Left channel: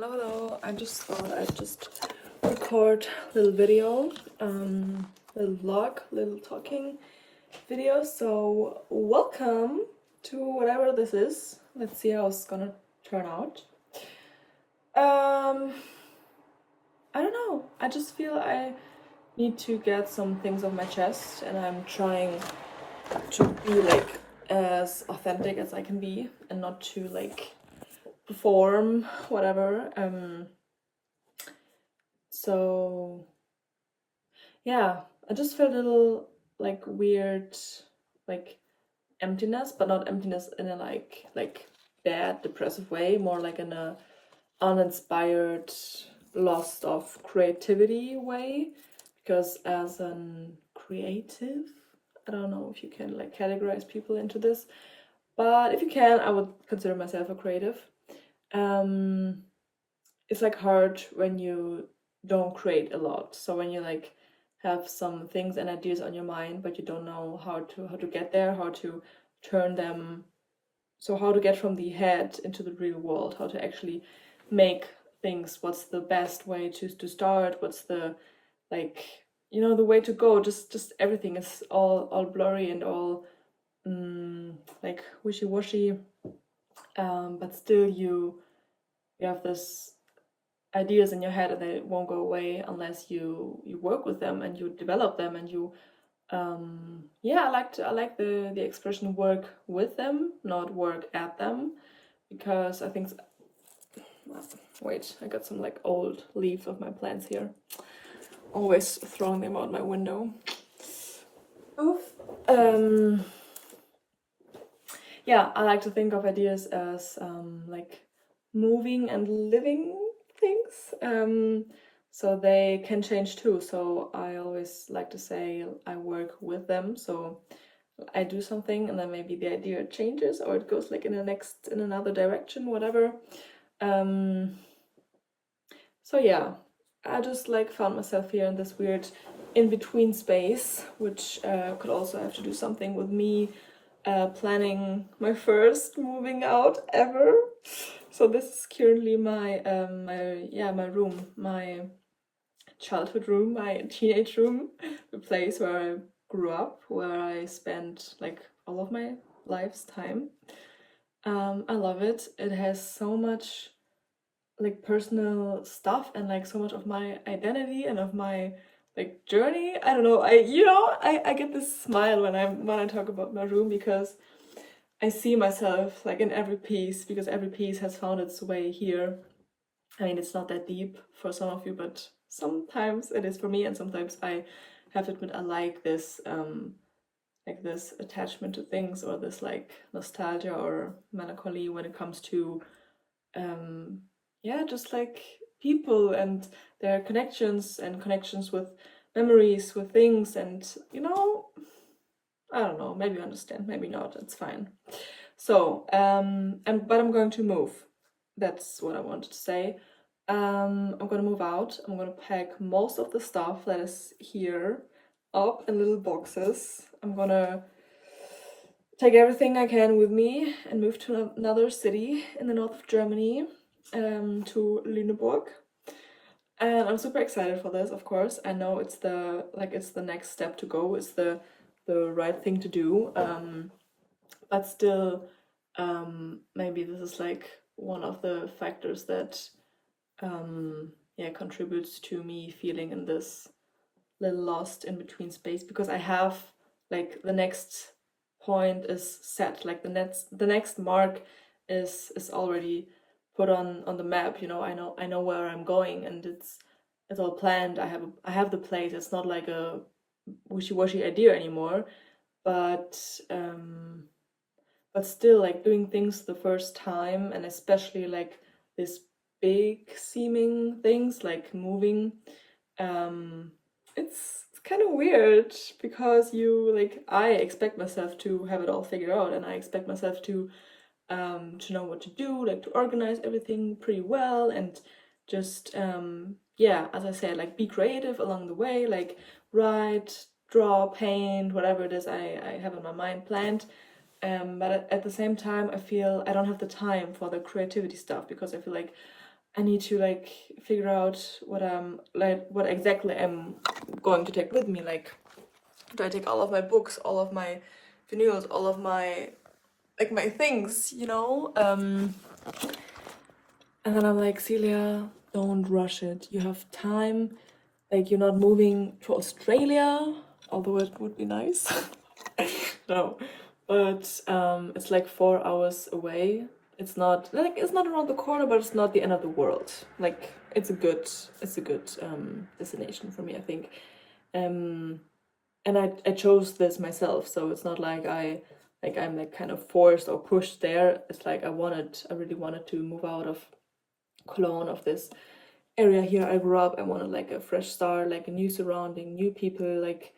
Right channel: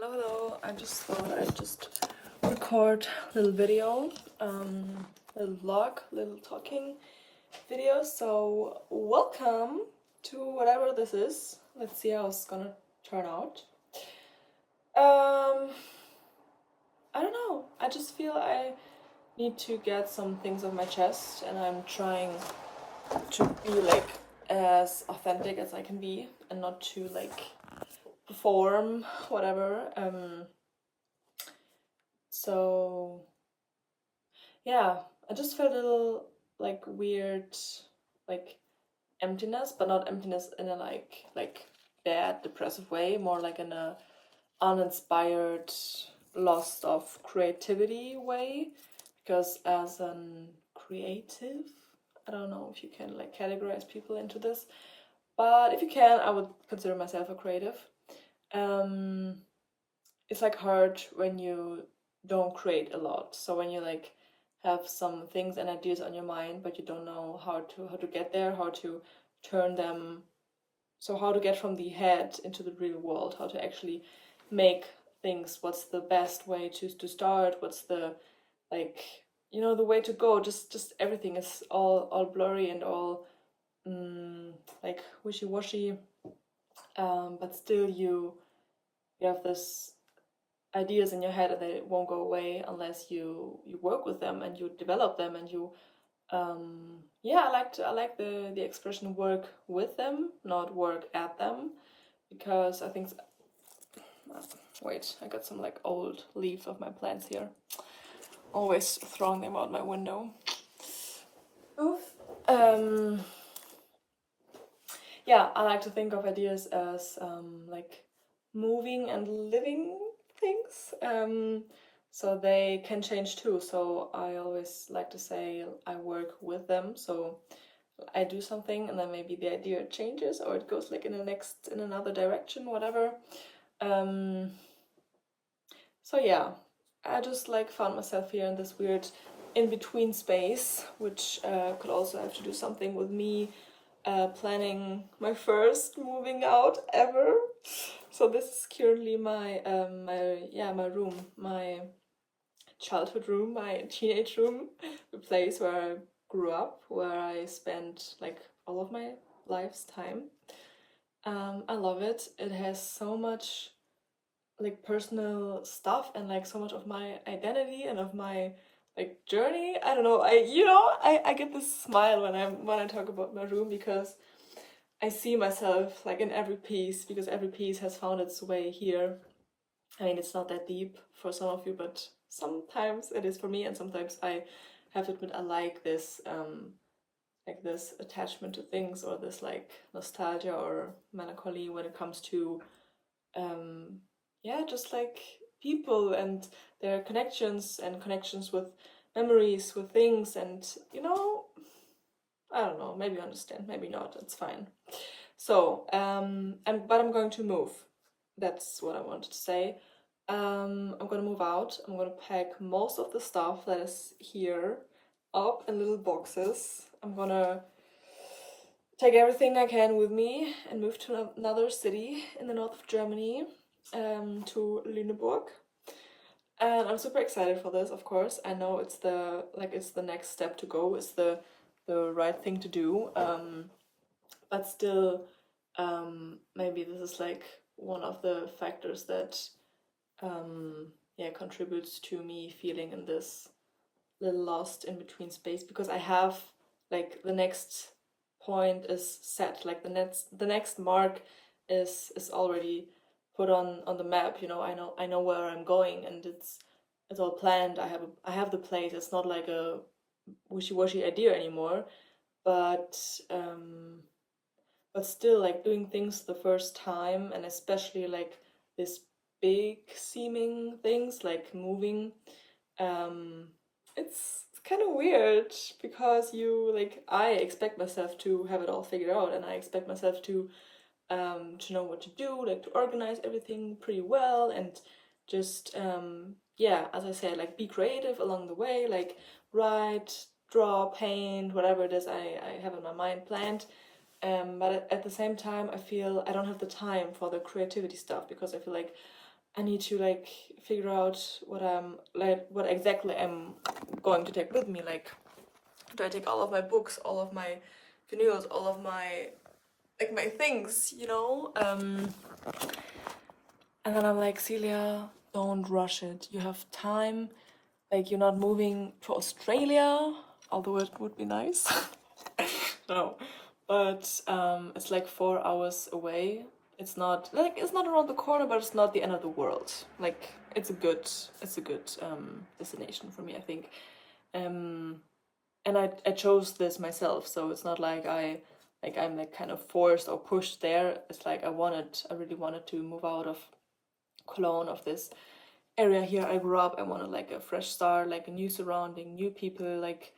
Hello. I just thought I'd just record a little video, little vlog, little talking video. So welcome to whatever this is. Let's see how it's gonna turn out. I don't know. I just feel I need to get some things off my chest, and I'm trying to be like as authentic as I can be, and not to like perform whatever. So yeah, I just feel a little like weird, like emptiness, but not emptiness in a like bad, depressive way, more like in a uninspired, lost of creativity way. Because as an creative, I don't know if you can like categorize people into this, but if you can, I would consider myself a creative. It's like hard when you don't create a lot. So when you like have some things and ideas on your mind, but you don't know how to get there, how to turn them, so how to get from the head into the real world, how to actually make things, what's the best way to start, what's the like the way to go. Just everything is all blurry and all like wishy-washy, but still you have this ideas in your head and they won't go away unless you work with them and you develop them and you I like the expression work with them, not work at them, because I think wait, I got some like old leaves of my plants here, always throwing them out my window. Yeah, I like to think of ideas as like moving and living things, so they can change too. So I always like to say I work with them. So I do something and then maybe the idea changes or it goes like in another direction, whatever. So yeah, I just like found myself here in this weird in-between space, which could also have to do something with me planning my first moving out ever. So this is currently my my room, my childhood room, my teenage room, the place where I grew up, where I spent like all of my life's time. I love it. It has so much like personal stuff and like so much of my identity and of my like journey. I don't know. I get this smile when I talk about my room, because I see myself like in every piece, because every piece has found its way here. I mean, it's not that deep for some of you, but sometimes it is for me, and sometimes I have to admit I like this attachment to things, or this like nostalgia or melancholy when it comes to just like people and their connections with memories, with things, and I don't know, maybe you understand, maybe not, it's fine. So but I'm going to move. That's what I wanted to say. I'm gonna move out. I'm gonna pack most of the stuff that is here up in little boxes. I'm gonna take everything I can with me and move to another city in the north of Germany, to Lüneburg. And I'm super excited for this, of course. I know it's the next step to go, it's the right thing to do. But still, maybe this is like one of the factors that contributes to me feeling in this little lost in between space, because I have like the next point is set, like the next mark is already put on the map. I know where I'm going, and it's all planned. I have the place. It's not like a wishy-washy idea anymore, but still, like doing things the first time, and especially like this big seeming things like moving, it's kind of weird, because I expect myself to have it all figured out, and I expect myself to know what to do, like to organize everything pretty well, and just as I said, like be creative along the way, like write, draw, paint, whatever it is I have in my mind planned. But at the same time, I feel I don't have the time for the creativity stuff, because I feel like I need to like figure out what exactly I'm going to take with me. Like, do I take all of my books, all of my vinyls, all of my my things, and then I'm like, Celia, don't rush it. You have time. Like, you're not moving to Australia, although it would be nice. No, but it's like 4 hours away. It's not around the corner, but it's not the end of the world. Like, it's a good destination for me, I think. And I chose this myself, so it's not like I'm like kind of forced or pushed there. It's like I really wanted to move out of Cologne, of this area here I grew up. I wanted like a fresh start, like a new surrounding, new people, like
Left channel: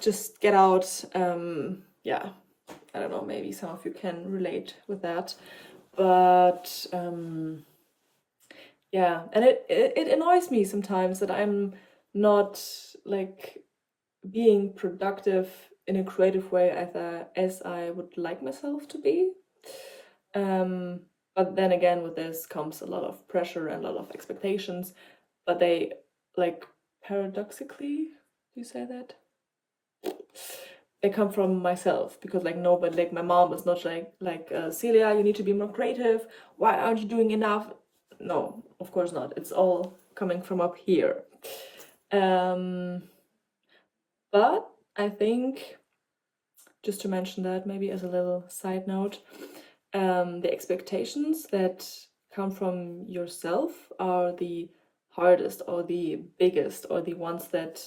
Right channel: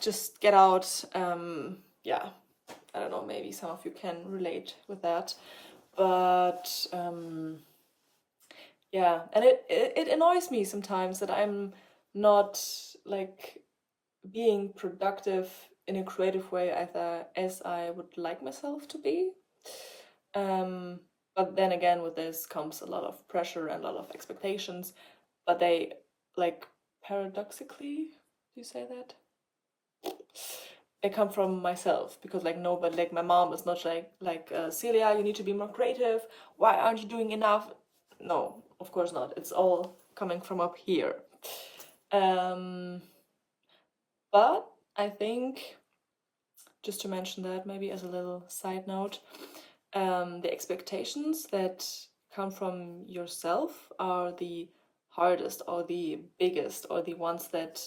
just get out. Yeah, I don't know, maybe some of you can relate with that, but yeah, and it annoys me sometimes that I'm not like being productive in a creative way as I would like myself to be. But then again, with this comes a lot of pressure and a lot of expectations, but they, like, paradoxically, do you say that? They come from myself, because like nobody, like my mom is not like Celia, you need to be more creative. Why aren't you doing enough? No, of course not. It's all coming from up here. But I think, just to mention that maybe as a little side note, the expectations that come from yourself are the hardest or the biggest or the ones that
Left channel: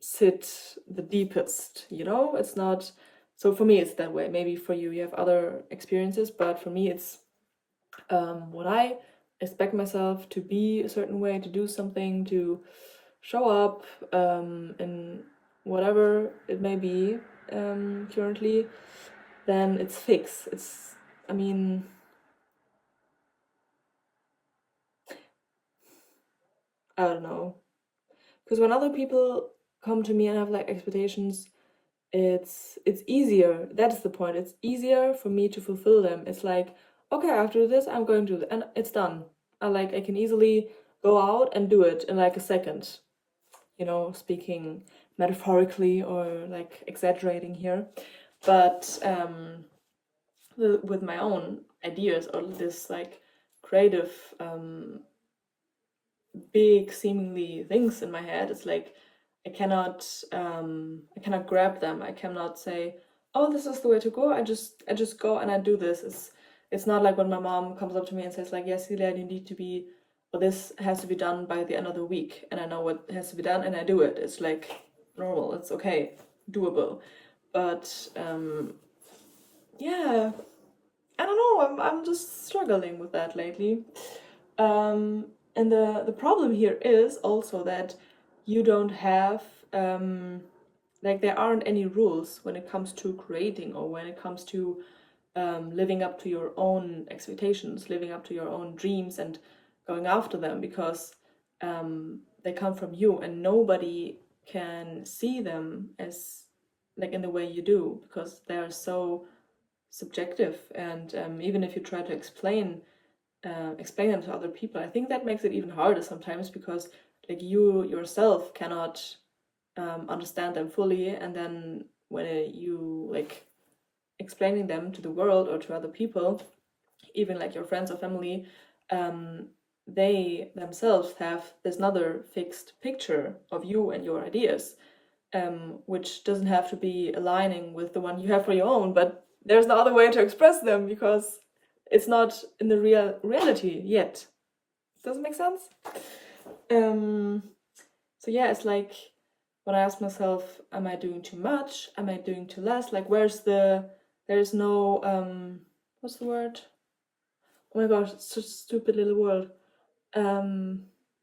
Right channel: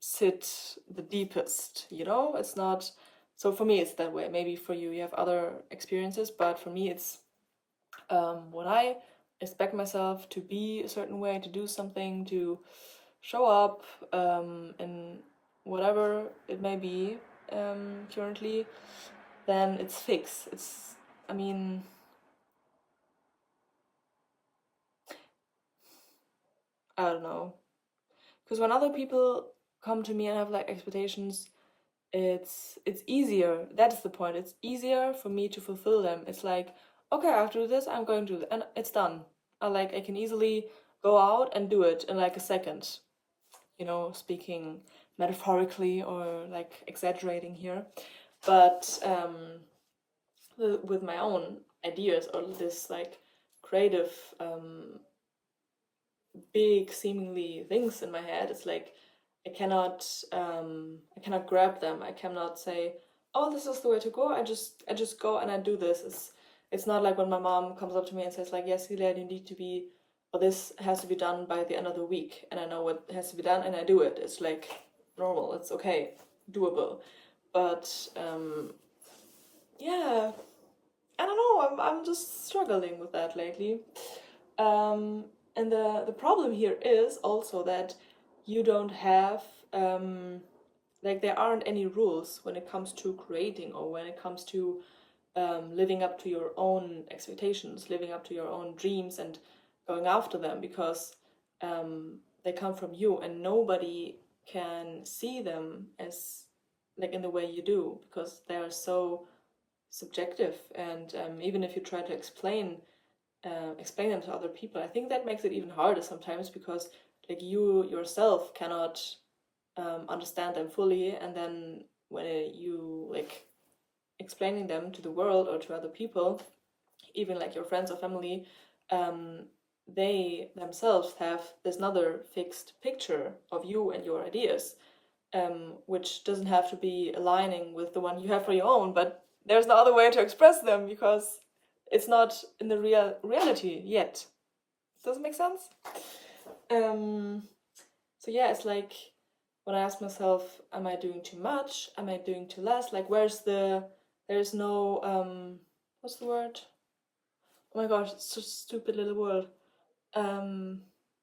sit the deepest, it's not. So for me it's that way. Maybe for you have other experiences, but for me it's what I expect myself to be a certain way, to do something, to show up in whatever it may be currently, then it's fixed. I mean, I don't know. Because when other people come to me and have like expectations, it's easier. That is the point. It's easier for me to fulfill them. It's like, okay, after this, I'm going to do it, and it's done. I can easily go out and do it in like a second. Speaking metaphorically or like exaggerating here, but with my own ideas or this like creative big seemingly things in my head, it's like I cannot grab them. I cannot say, oh, this is the way to go. I just go and I do this. It's not like when my mom comes up to me and says like, yes, Celia, you need to be, or this has to be done by the end of the week, and I know what has to be done and I do it. It's like normal, it's okay, doable. But yeah, I don't know, I'm just struggling with that lately. And the problem here is also that you don't have like there aren't any rules when it comes to creating, or when it comes to living up to your own expectations, living up to your own dreams and going after them, because they come from you and nobody can see them as like in the way you do, because they are so subjective. And even if you try to explain them to other people, I think that makes it even harder sometimes, because like you yourself cannot understand them fully, and then when you like explaining them to the world or to other people, even like your friends or family, they themselves have this another fixed picture of you and your ideas, which doesn't have to be aligning with the one you have for your own, but there's no other way to express them because it's not in the reality yet. Does it make sense? So yeah, it's like when I ask myself, am I doing too much? Am I doing too less? Like, there's no, what's the word? Oh my gosh, it's such a stupid little word.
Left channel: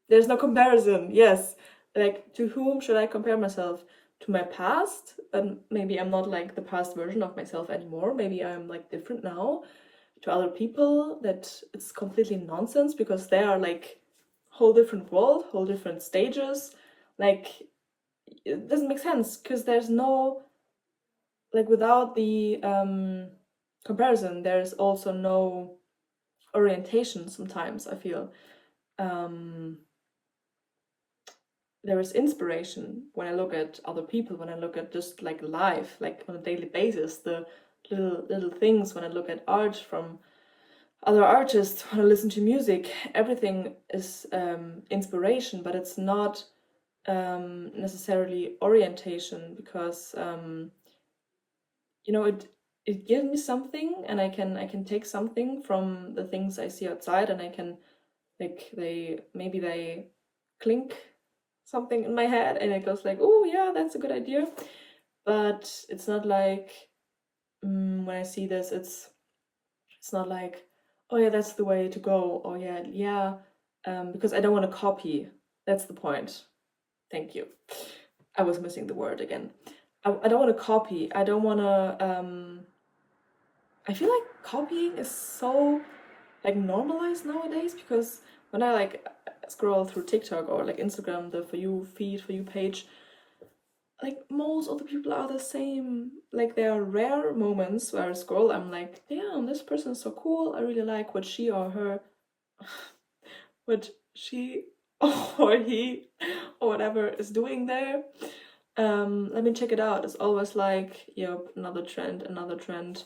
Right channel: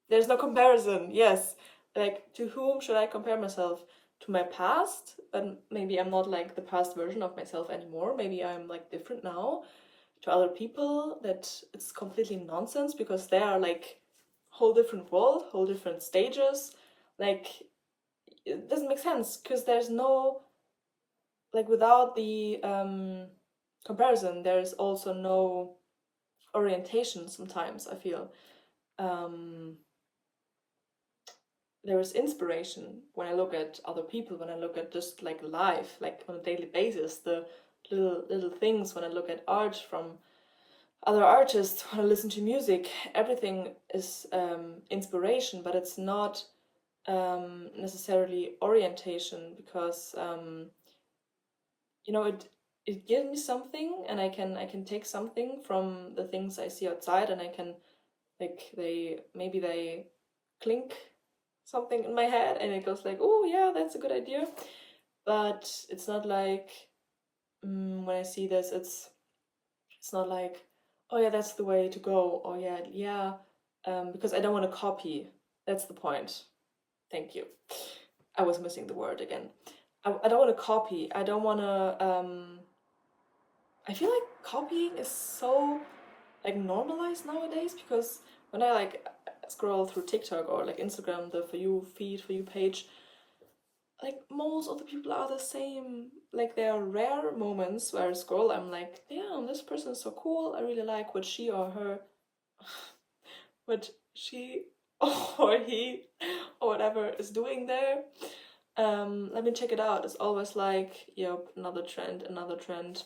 There's no comparison. Yes. Like, to whom should I compare myself? To my past? But maybe I'm not like the past version of myself anymore. Maybe I'm like different now. To other people, that it's completely nonsense, because they are like whole different world, whole different stages. Like, it doesn't make sense, because there's no, like, without the comparison, there's also no orientation sometimes. I feel there is inspiration when I look at other people, when I look at just like life, like on a daily basis, the little things, when I look at art from other artists, when I listen to music, everything is inspiration, but it's not necessarily orientation, because you know, it gives me something, and I can take something from the things I see outside, and I can, like, they clink something in my head, and it goes like, oh yeah, that's a good idea. But it's not like, when I see this, it's not like, oh yeah, that's the way to go, or yeah, because I don't want to copy. That's the point. Thank you. I was missing the word again. I don't want to copy. I don't want to. I feel like copying is so like normalized nowadays, because when I like scroll through TikTok or like Instagram, the For You feed, For You page, like most of the people are the same. Like there are rare moments where I scroll, I'm like, damn, this person is so cool. I really like what she or her, what she or he or whatever is doing there. Let me check it out. It's always like, yep, another trend, another trend.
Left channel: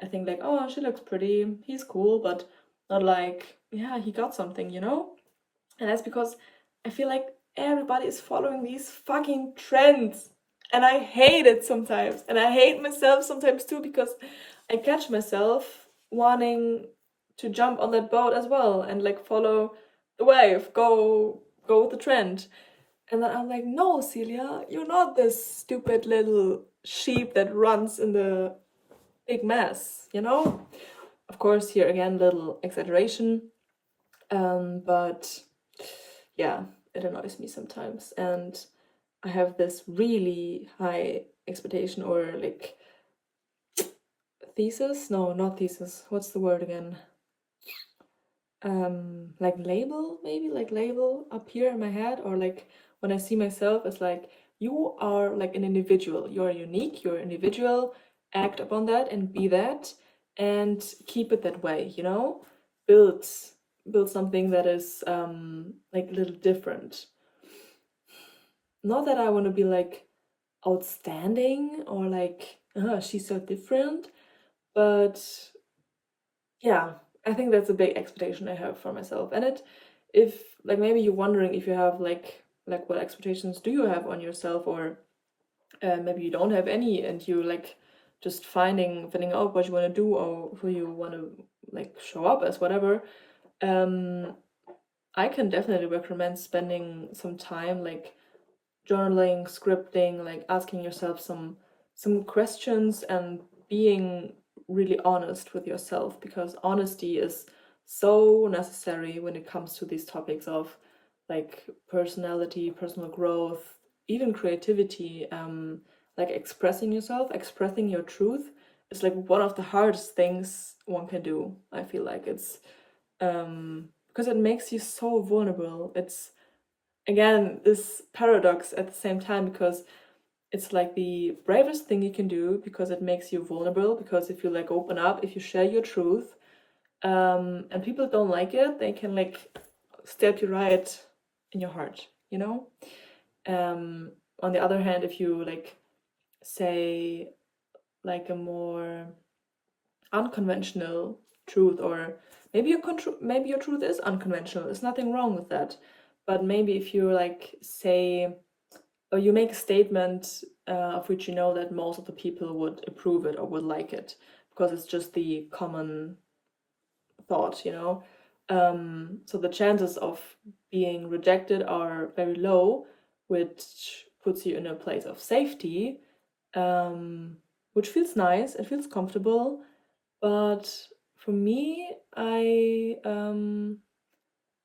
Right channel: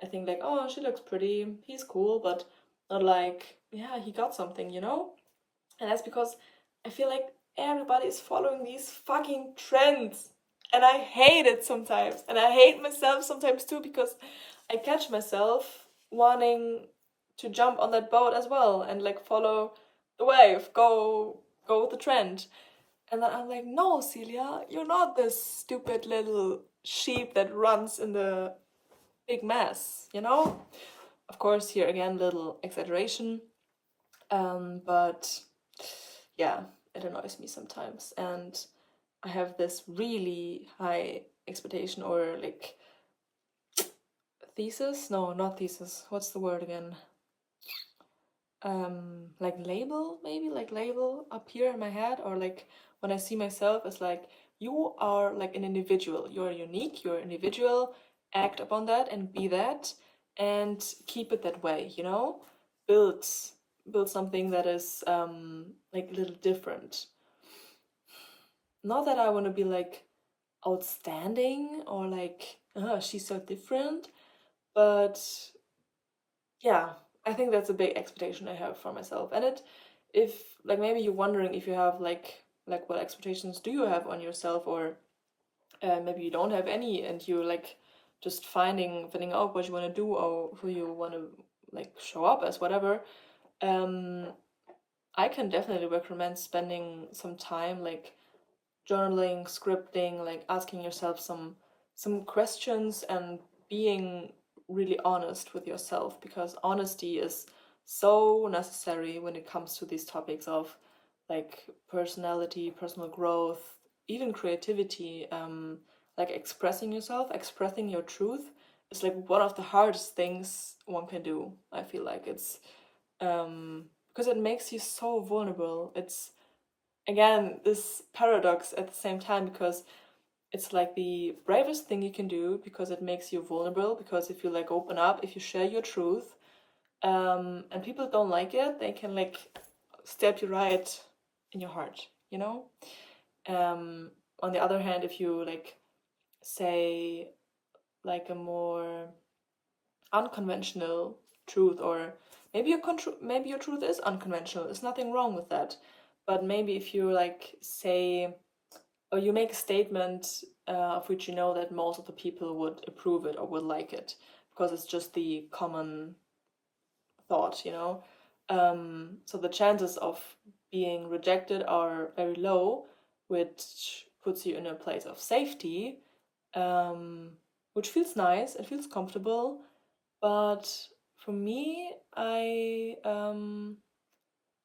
I think like, oh, she looks pretty, he's cool, but not like, yeah, he got something, you know? And that's because I feel like everybody is following these fucking trends. And I hate it sometimes. And I hate myself sometimes too, because I catch myself wanting to jump on that boat as well and like follow the wave, go with the trend. And then I'm like, no, Celia, you're not this stupid little sheep that runs in the big mess, you know? Of course, here again, little exaggeration. But yeah, it annoys me sometimes. And I have this really high expectation, or like thesis? No, not thesis. What's the word again? Like label, maybe, like label up here in my head, or like when I see myself as like, you are like an individual, you're unique, you're an individual, act upon that and be that, and keep it that way, you know? Build something that is like a little different. Not that I want to be like outstanding or like, she's so different, but yeah, I think that's a big expectation I have for myself. And if like maybe you're wondering if you have like what expectations do you have on yourself, or maybe you don't have any, and you like just finding out what you want to do or who you want to like show up as, whatever. I can definitely recommend spending some time like journaling, scripting, like asking yourself some questions and being really honest with yourself, because honesty is so necessary when it comes to these topics of like personality, personal growth, even creativity. Like expressing yourself, expressing your truth is like one of the hardest things one can do. I feel like it's because it makes you so vulnerable. It's again this paradox at the same time, because it's like the bravest thing you can do, because it makes you vulnerable, because if you like open up, if you share your truth, and people don't like it, they can like stab you right in your heart, you know? On the other hand, if you like say like a more unconventional truth, or maybe your truth is unconventional, there's nothing wrong with that, but maybe if you like say, or you make a statement of which you know that most of the people would approve it or would like it, because it's just the common thought, you know. So the chances of being rejected are very low, which puts you in a place of safety, which feels nice, it feels comfortable. But for me, I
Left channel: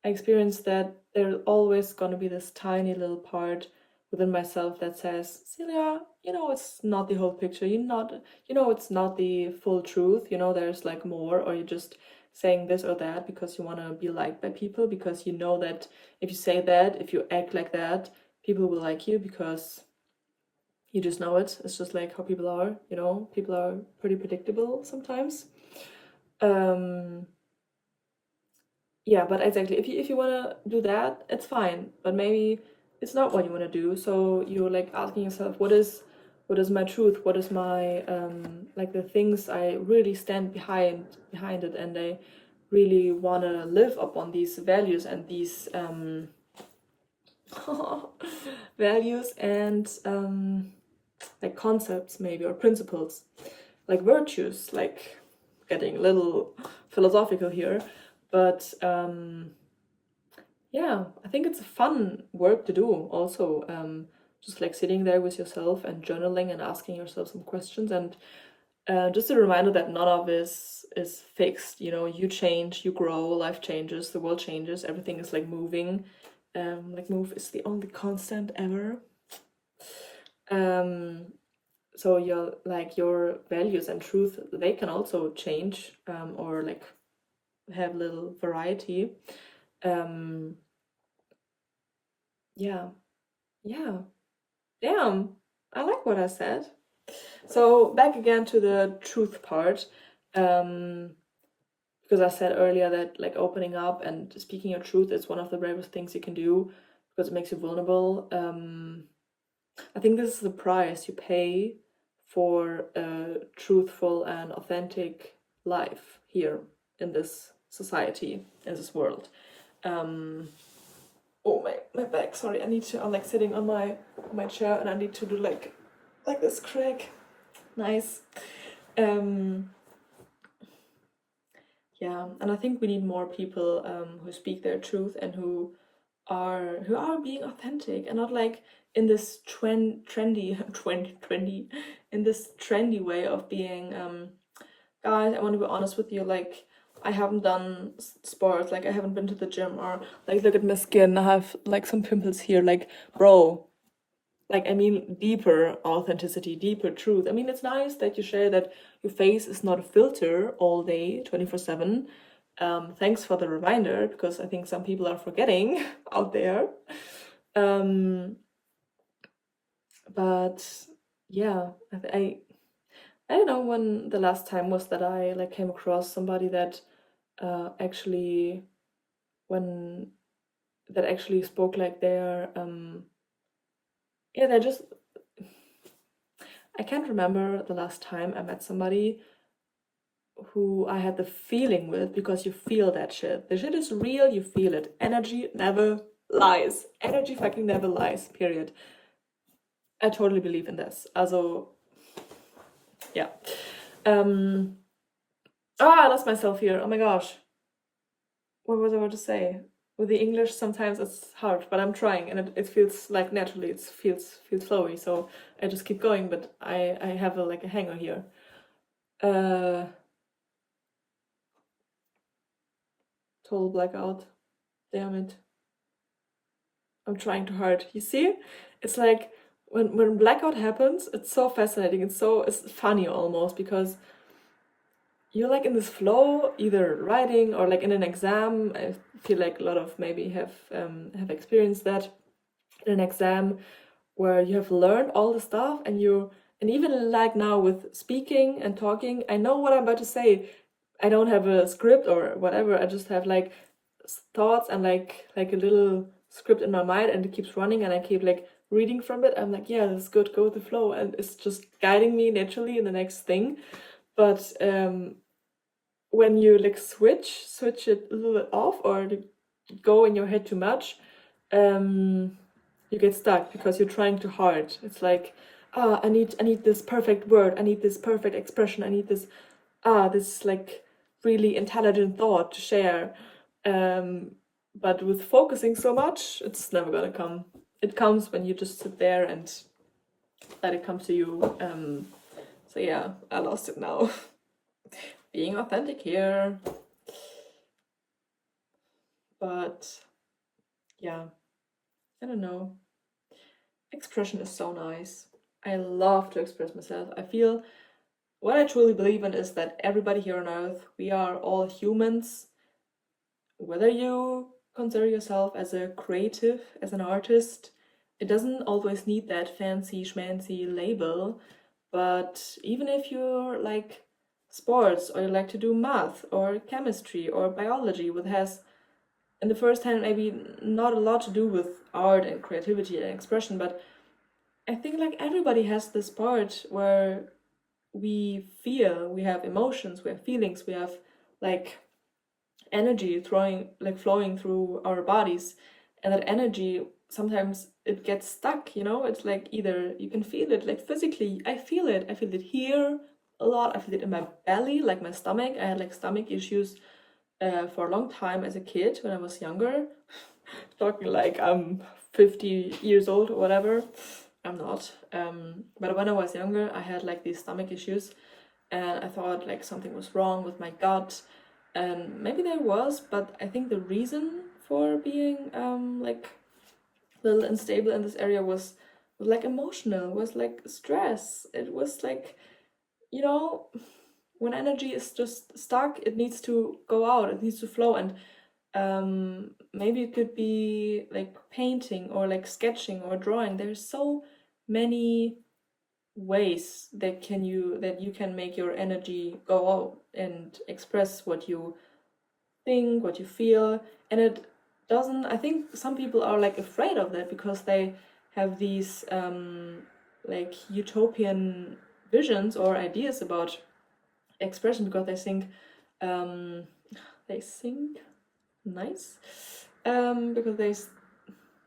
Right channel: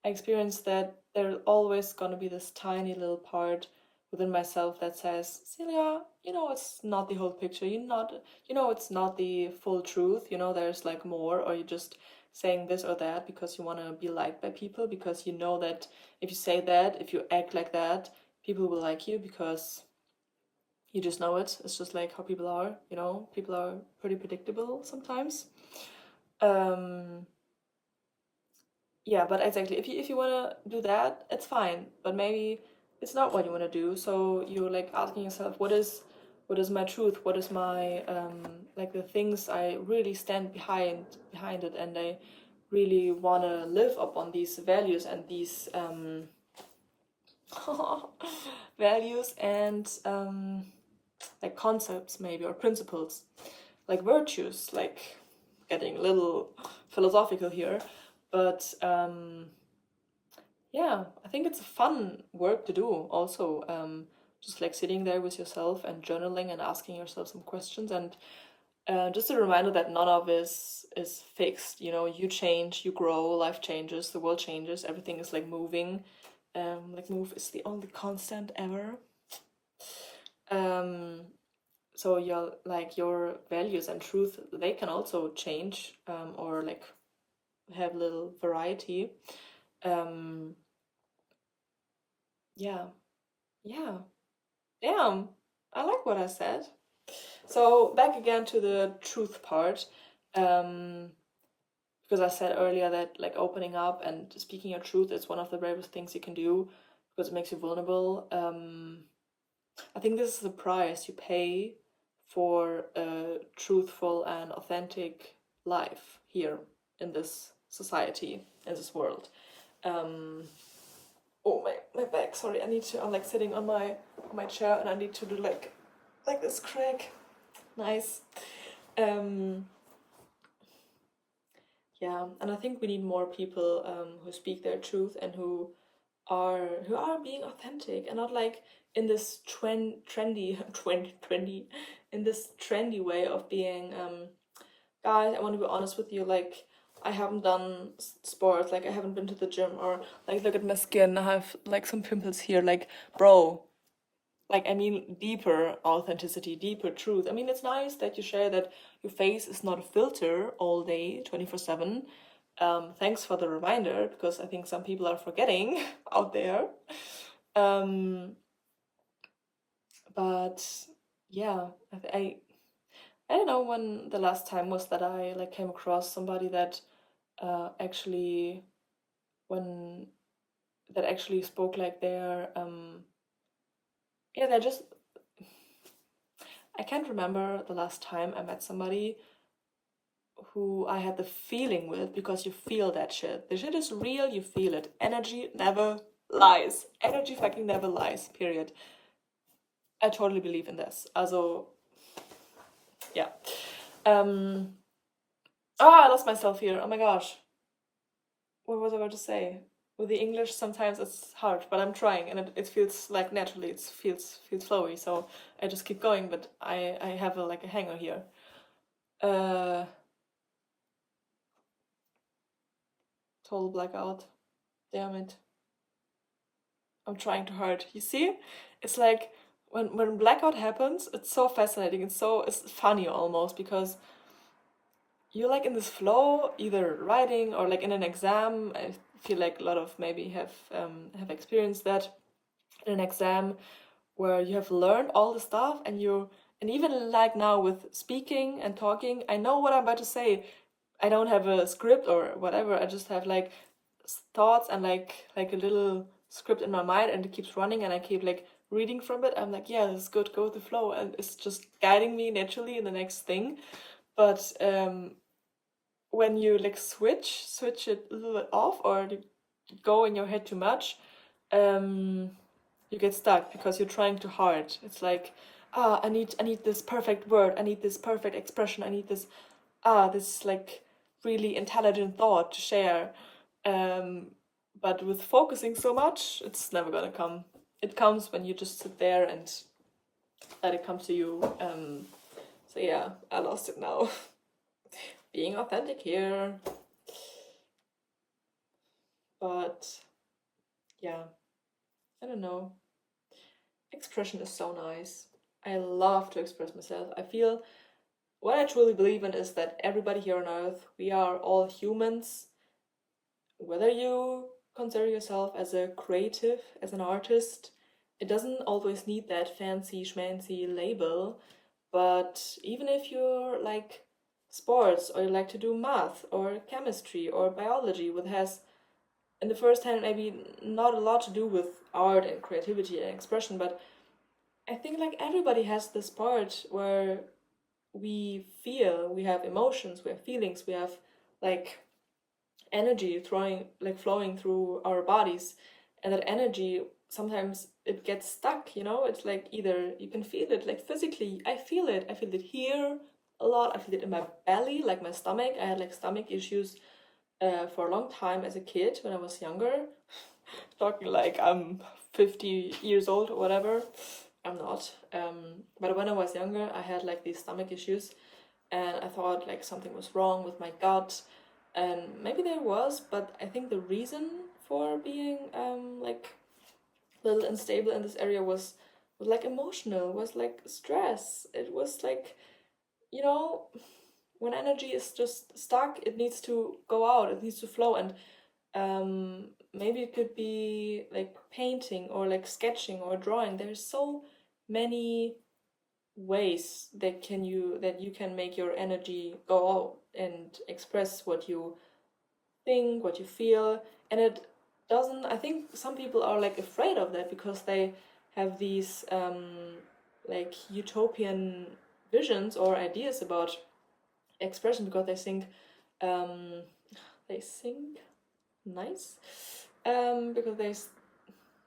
experienced that there's always gonna be this tiny little part within myself that says, Celia, you know, it's not the whole picture. It's not the full truth. You know, there's like more, or you're just saying this or that because you want to be liked by people, because you know that if you say that, if you act like that, people will like you, because you just know it. It's just like how people are, you know, people are pretty predictable sometimes. Um, yeah, but exactly, if you want to do that, it's fine, but maybe it's not what you want to do. So you're like asking yourself, what is my truth, what is my like the things I really stand behind it, and I really want to live upon these values and these values and like concepts maybe, or principles, like virtues, like getting a little philosophical here, but yeah, I think it's a fun work to do also, just like sitting there with yourself and journaling and asking yourself some questions, and just a reminder that none of this is fixed. You know, you change, you grow, life changes, the world changes, everything is like moving. Like move is the only constant ever. So your values and truth, they can also change, or like have little variety. Um, yeah, yeah, damn, I like what I said. So back again to the truth part, because I said earlier that like opening up and speaking your truth is one of the bravest things you can do because it makes you vulnerable. I think this is the price you pay for a truthful and authentic life here in this society, in this world. Oh, my back, sorry, I need to, I'm like sitting on my chair and I need to do like this crack. Nice. Yeah, and I think we need more people who speak their truth and who are being authentic and not like in this trendy in this trendy way of being guys, I want to be honest with you, like I haven't done sports, like I haven't been to the gym, or like look at my skin, I have like some pimples here, like bro, like I mean deeper authenticity, deeper truth. I mean, it's nice that you share that your face is not a filter all day 24/7. Thanks for the reminder, because I think some people are forgetting out there. But yeah, I don't know when the last time was that I like came across somebody that actually when that actually spoke like their yeah, they just, I can't remember the last time I met somebody who I had the feeling with, because you feel that shit. The shit is real, you feel it. Energy never lies. Energy fucking never lies, period. I totally believe in this. Also, yeah. I lost myself here. Oh my gosh. What was I about to say? With the English, sometimes it's hard, but I'm trying, and it feels like naturally, it feels flowy, so I just keep going, but I have like a hanger here. Total blackout. Damn it. I'm trying too hard. You see? It's like when blackout happens, it's so fascinating. It's funny almost, because you're like in this flow, either writing or like in an exam. I feel like a lot of maybe have experienced that in an exam where you have learned all the stuff, and even like now with speaking and talking, I know what I'm about to say. I don't have a script or whatever. I just have like thoughts and like a little script in my mind, and it keeps running, and I keep like reading from it. I'm like, yeah, this is good, go with the flow, and it's just guiding me naturally in the next thing. But when you like switch it a little bit off, or go in your head too much, you get stuck because you're trying too hard. It's like, I need this perfect word, I need this perfect expression, I need this this like really intelligent thought to share. But with focusing so much, it's never gonna come. It comes when you just sit there and let it come to you. So yeah, I lost it now. Being authentic here. But yeah, I don't know. Expression is so nice. I love to express myself. I feel what I truly believe in is that everybody here on earth, we are all humans. Whether you consider yourself as a creative, as an artist, it doesn't always need that fancy schmancy label. But even if you're like sports, or you like to do math or chemistry or biology, which has in the first hand maybe not a lot to do with art and creativity and expression, but I think like everybody has this part where we feel, we have emotions, we have feelings, we have like energy flowing through our bodies, and that energy sometimes it gets stuck, you know. It's like either you can feel it like physically, I feel it here a lot, I feel it in my belly, like my stomach. I had like stomach issues for a long time as a kid when I was younger. Talking like I'm 50 years old or whatever. I'm not. But when I was younger, I had like these stomach issues, and I thought like something was wrong with my gut, and maybe there was, but I think the reason for being like a little unstable in this area was like emotional, was like stress. It was like, you know, when energy is just stuck, it needs to go out, it needs to flow, and maybe it could be like painting or like sketching or drawing. There's so many ways that you can make your energy go out and express what you think, what you feel. And it doesn't, I think some people are like afraid of that because they have these like utopian visions or ideas about expression, because um they think nice, because they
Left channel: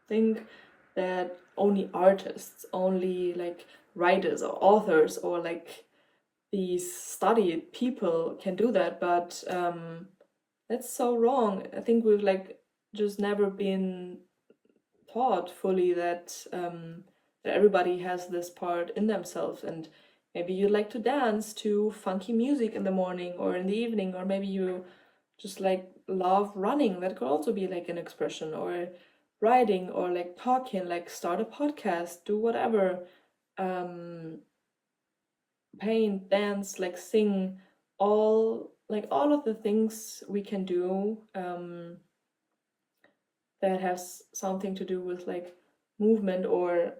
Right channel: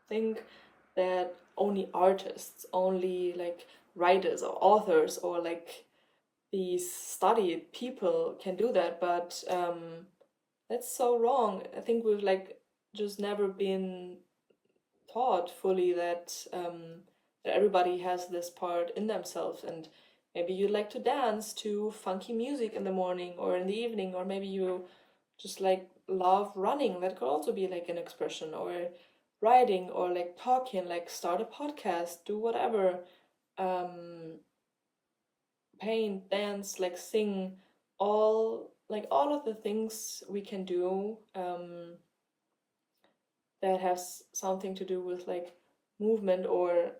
think that only artists, only like writers or authors or like these studied people can do that. But that's so wrong. I think we've like just never been taught fully that everybody has this part in themselves. And maybe you like to dance to funky music in the morning or in the evening, or maybe you just like love running. That could also be like an expression, or writing, or like talking, like start a podcast, do whatever, um paint, dance, like sing, all of the things we can do that has something to do with like movement or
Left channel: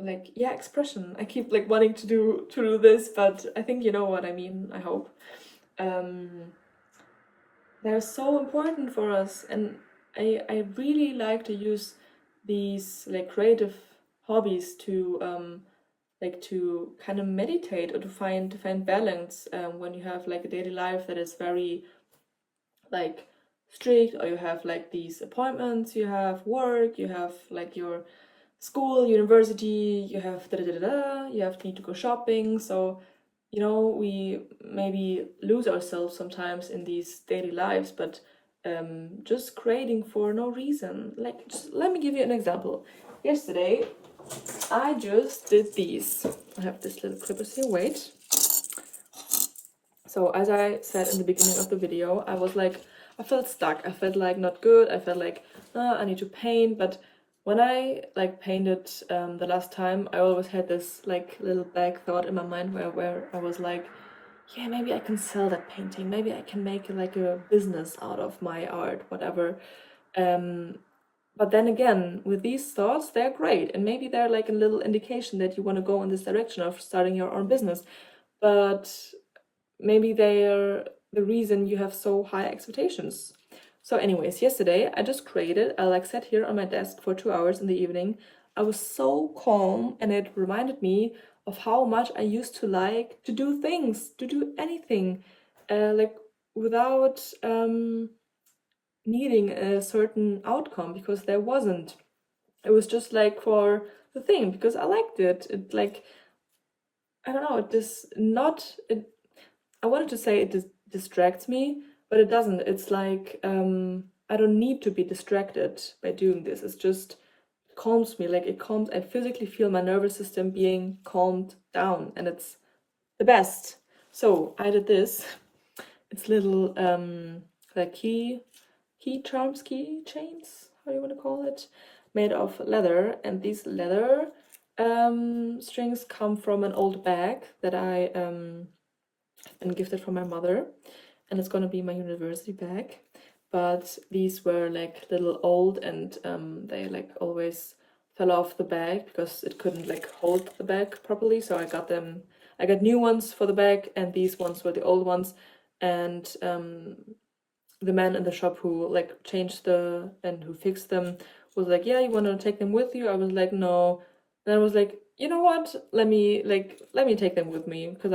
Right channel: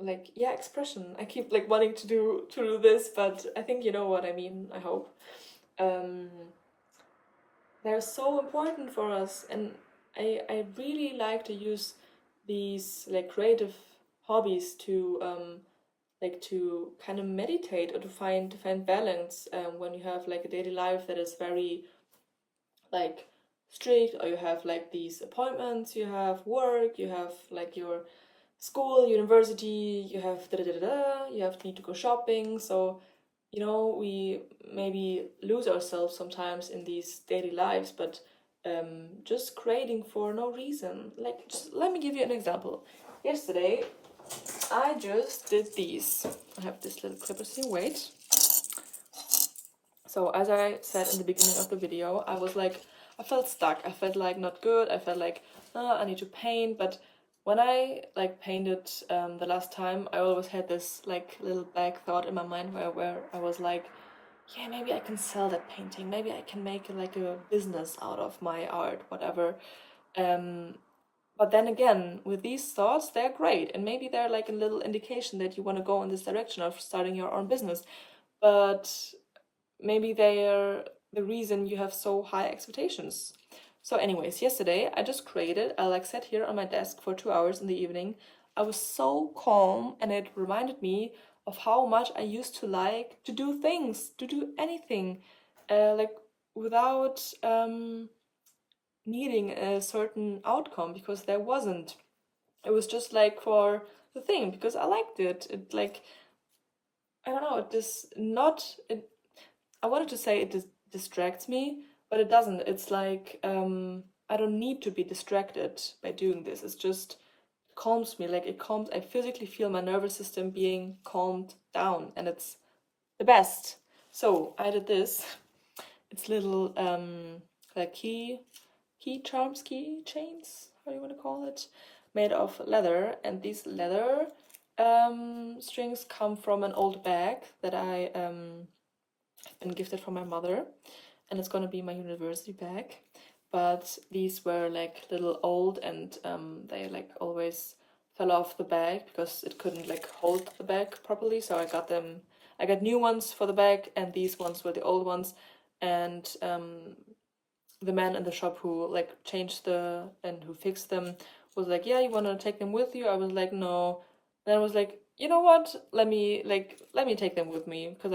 like, yeah, expression. I keep like wanting to do this, but I think you know what I mean, I hope. um they're so important for us, and I really like to use these like creative hobbies to kind of meditate, or to find balance when you have like a daily life that is very like strict, or you have like these appointments, you have work, you have like your school, university, you have da da da da, you have need to go shopping. So you know, we maybe lose ourselves sometimes in these daily lives, but just creating for no reason. Like, just let me give you an example. Yesterday I just did these. I have this little clippers here, wait. So as I said in the beginning of the video, I felt stuck. I felt like not good. I felt like, I need to paint. But when I like painted the last time, I always had this like little back thought in my mind where I was like, yeah, maybe I can sell that painting. Maybe I can make like a business out of my art, whatever. But then again, with these thoughts, they're great. And maybe they're like a little indication that you want to go in this direction of starting your own business. But maybe they're the reason you have so high expectations. So anyways, yesterday I just created, I like sat here on my desk for 2 hours in the evening. I was so calm, and it reminded me of how much I used to like to do things, to do anything, like without needing a certain outcome, because there wasn't. It was just like for the thing, because I liked it. It like, I don't know, it does not, it, I wanted to say it distracts me, but it doesn't. It's like, I don't need to be distracted by doing this. It's just calms me, like it calms, I physically feel my nervous system being calmed down, and it's the best. So I did this. It's little like key chains, how you want to call it, made of leather. And these leather strings come from an old bag that I been gifted from my mother, and it's gonna be my university bag. But these were like little old, and they like always fell off the bag because it couldn't like hold the bag properly. So I got new ones for the bag, and these ones were the old ones. And the man in the shop who like changed and who fixed them was like, yeah, you want to take them with you? I was like, no. Then I was like, you know what, let me take them with me, because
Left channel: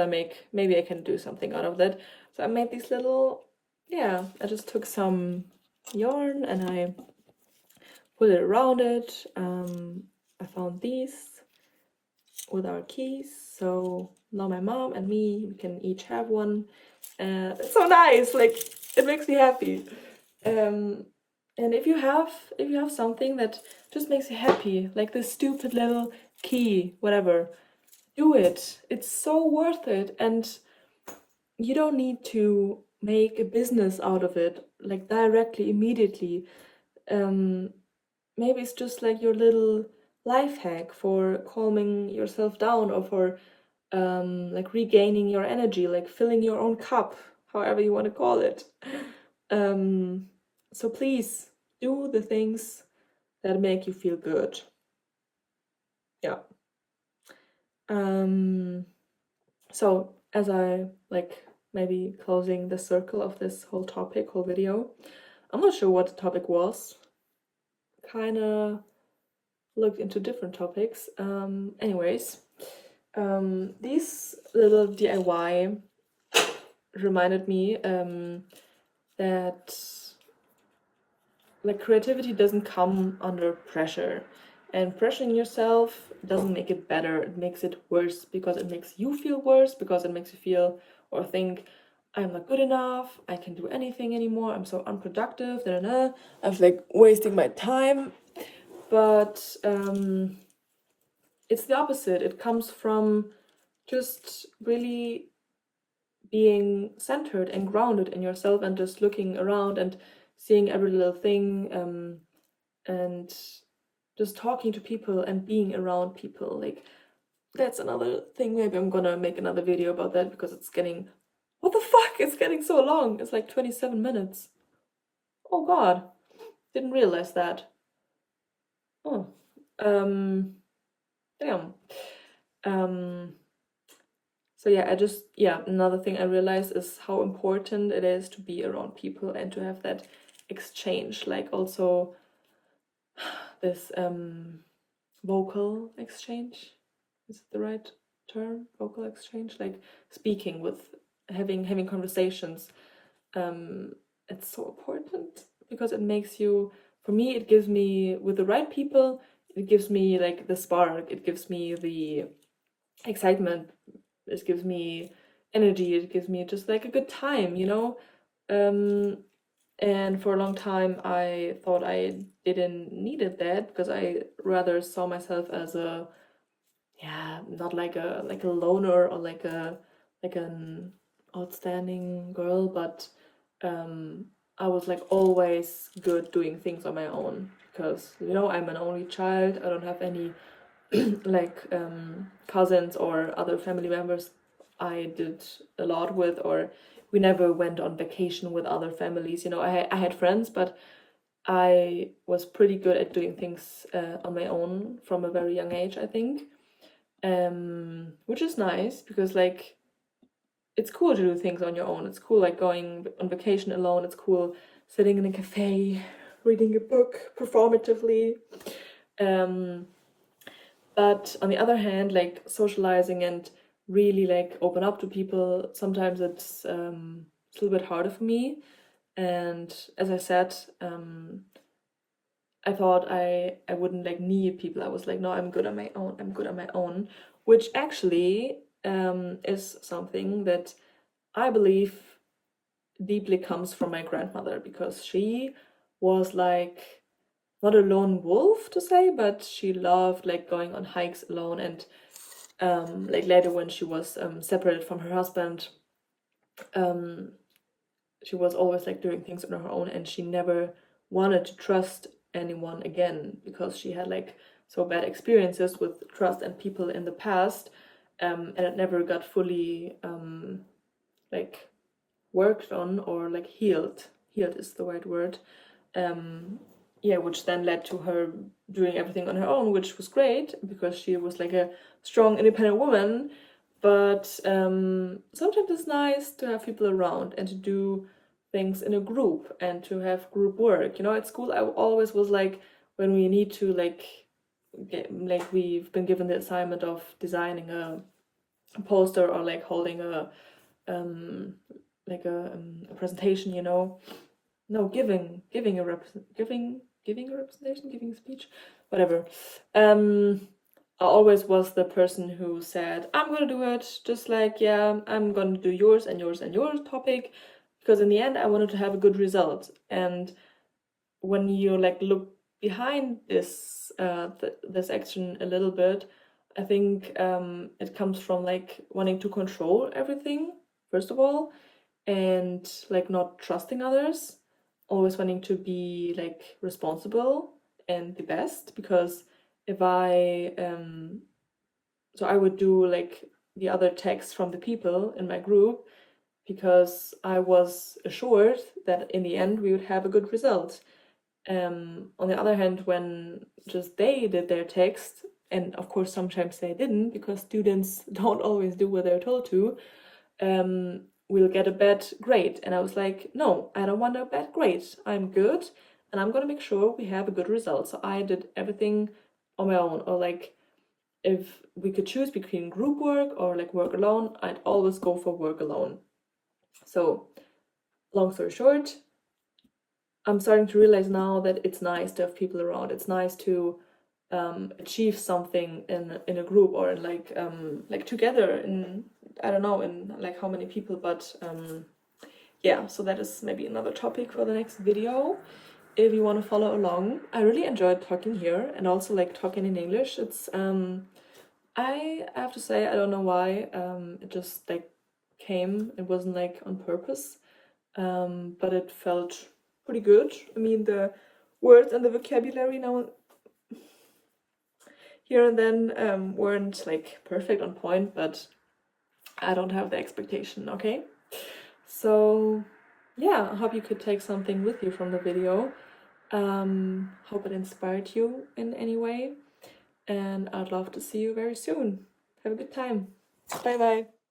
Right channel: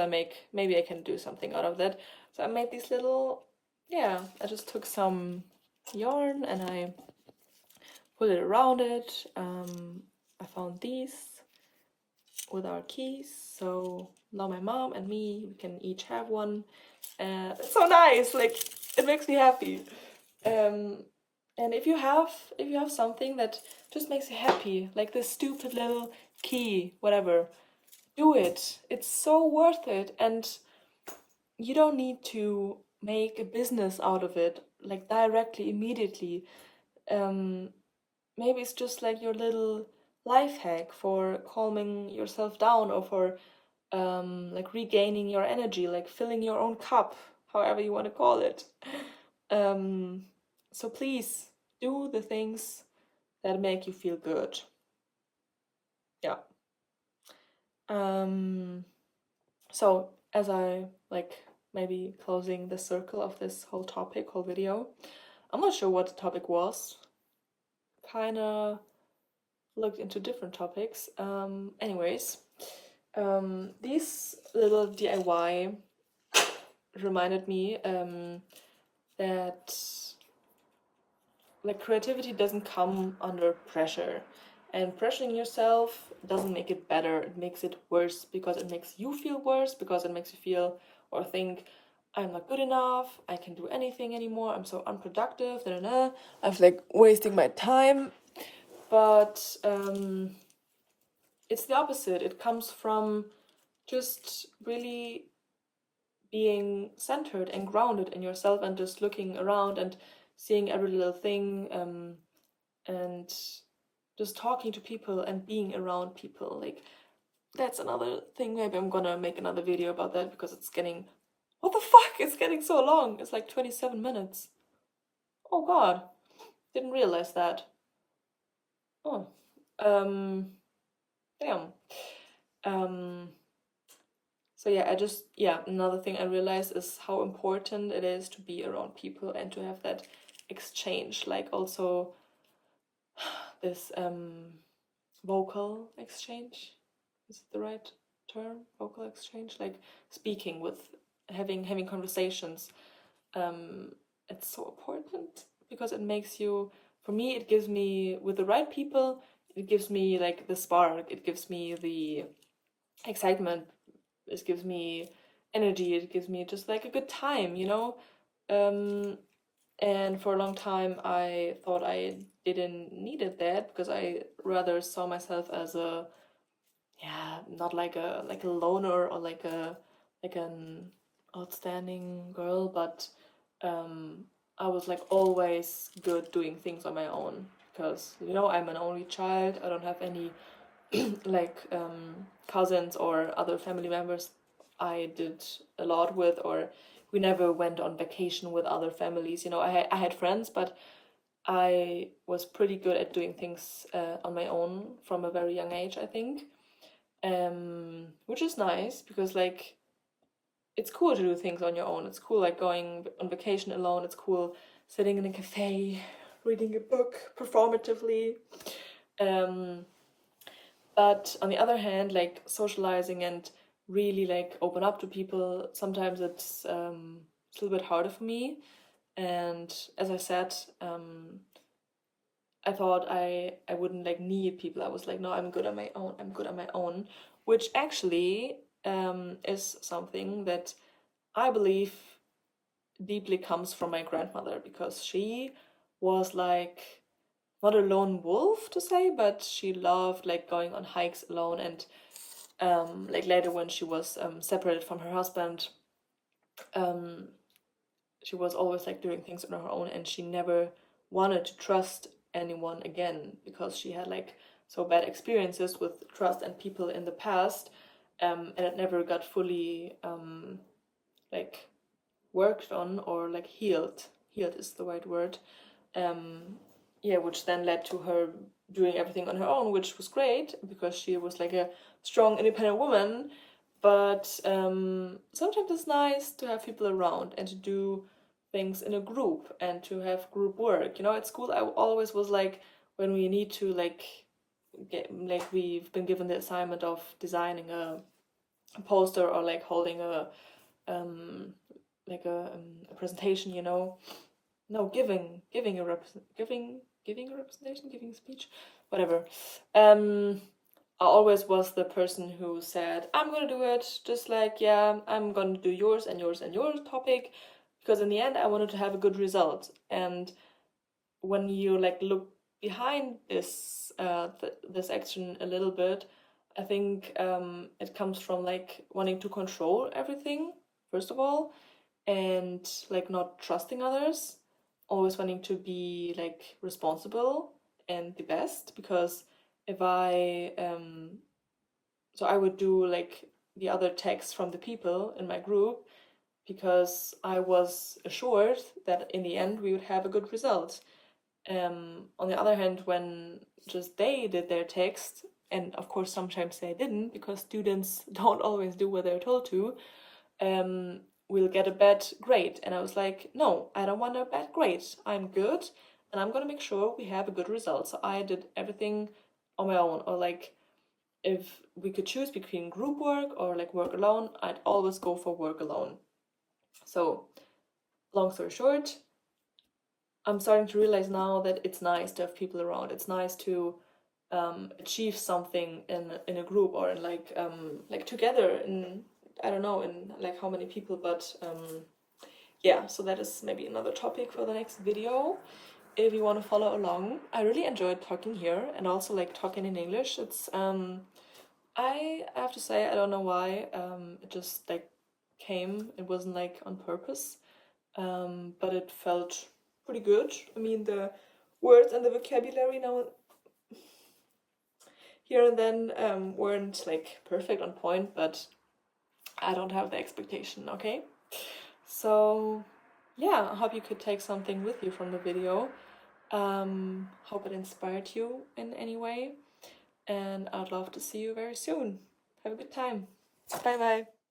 maybe I can do something out of that. So I made these little, yeah, I just took some yarn and I put it around it. I found these with our keys, so now my mom and me, we can each have one. It's so nice, like it makes me happy. And if you have something that just makes you happy, like this stupid little key, whatever, do it. It's so worth it, and you don't need to make a business out of it, like directly, immediately. Maybe it's just like your little life hack for calming yourself down, or for like regaining your energy, like filling your own cup, however you want to call it. So please do the things that make you feel good. Yeah. So as I like maybe closing the circle of this whole video, I'm not sure what the topic was. Kind of looked into different topics. Anyways, these little DIY reminded me that like creativity doesn't come under pressure, and pressuring yourself doesn't make it better. It makes it worse, because it makes you feel worse, because it makes you feel or think, I'm not good enough, I can't do anything anymore, I'm so unproductive, I was like wasting my time. But it's the opposite. It comes from just really being centered and grounded in yourself, and just looking around and seeing every little thing, and just talking to people and being around people. Like, that's another thing. Maybe I'm gonna make another video about that, because it's getting, what the fuck, it's getting so long. It's like 27 minutes. Oh god, didn't realize that. Oh, damn. So yeah, another thing I realized is how important it is to be around people and to have that exchange, like also this vocal exchange. Is it the right term? Vocal exchange, like speaking with, having conversations. It's so important, because it makes you, for me, it gives me, with the right people, it gives me like the spark, it gives me the excitement, it gives me energy, it gives me just like a good time, and for a long time I thought I didn't needed that, because I rather saw myself as a, yeah, not like a loner, or like an outstanding girl, but I was like always good doing things on my own, because I'm an only child. I don't have any like cousins or other family members I did a lot with, or we never went on vacation with other families. I had friends, but I was pretty good at doing things on my own from a very young age, I think. Which is nice, because like it's cool to do things on your own. It's cool like going on vacation alone. It's cool sitting in a cafe, reading a book performatively. But on the other hand, like socializing and really like open up to people, sometimes it's a little bit harder for me. And as I said, I thought I wouldn't like need people. I was like, no, I'm good on my own. I'm good on my own, which actually is something that I believe deeply comes from my grandmother, because she was like not a lone wolf to say, but she loved like going on hikes alone, and like later when she was separated from her husband, she was always like doing things on her own, and she never wanted to trust anyone again, because she had like so bad experiences with trust and people in the past, and it never got fully like worked on, or like healed is the right word. Yeah, which then led to her doing everything on her own, which was great, because she was like a strong, independent woman. But sometimes it's nice to have people around and to do things in a group and to have group work. You know, at school I always was like, when we need to like we've been given the assignment of designing a poster or like holding a presentation, you know. No, giving a representation, giving a speech, whatever. I always was the person who said, I'm gonna do it, just like, yeah, I'm gonna do yours and yours and your topic, because in the end I wanted to have a good result. And when you like look behind this this action a little bit, I think it comes from like wanting to control everything, first of all, and like not trusting others, always wanting to be like responsible and the best. Because if I so I would do like the other texts from the people in my group, because I was assured that in the end we would have a good result. On the other hand, when just they did their text, and of course sometimes they didn't, because students don't always do what they're told to, we'll get a bad grade. And I was like, no, I don't want a bad grade. I'm good, and I'm gonna make sure we have a good result. So I did everything on my own. Or like, if we could choose between group work or like work alone, I'd always go for work alone. So long story short, I'm starting to realize now that it's nice to have people around. It's nice to achieve something in a group, or in like together in, I don't know, in like how many people, but yeah, so that is maybe another topic for the next video if you want to follow along. I really enjoyed talking here, and also like talking in English. It's I have to say, I don't know why, it just like came. It wasn't like on purpose, but it felt pretty good. I mean, the words and the vocabulary now here and then weren't like perfect on point, but I don't have the expectation, okay? So yeah, I hope you could take something with you from the video. Hope it inspired you in any way, and I'd love to see you very soon. Have a good time. Bye bye.